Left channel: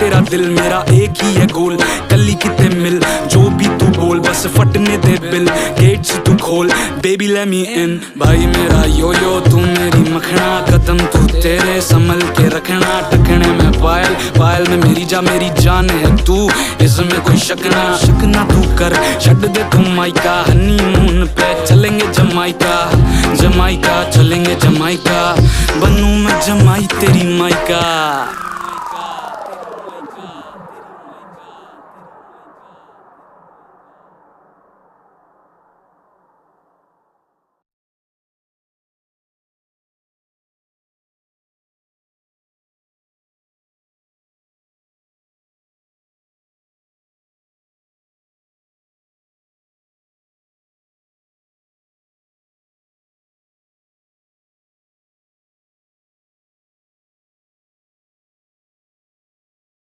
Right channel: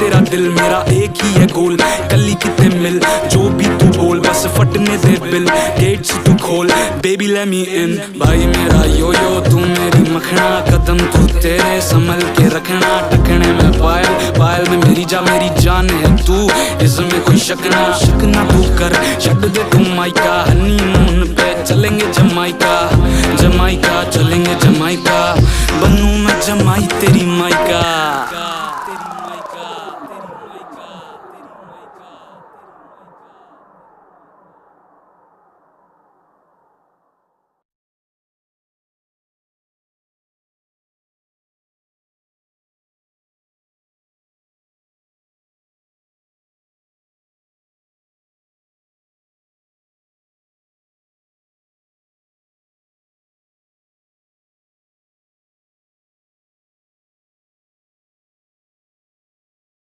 तेरा दिल, मेरा एक ही है गोल, कली किते मिल जो भी तू बोल, बस फटने दे बिल, गेट्स तू खोल, बेबी लेट मी इन। भाई मेरा यो यो तू मेरी मखना, कदम तू तेरे संभल के रखना, टखने में पायल, पायल में मेरी जान है तू, इसमें कोई शक ना तू कर, छड़ दे तू माइका, हनीमून पे चलेंगे जमाइका, जमाइका चलेंगे जमाइका, बनूं मैं जमाई तेरी माइका।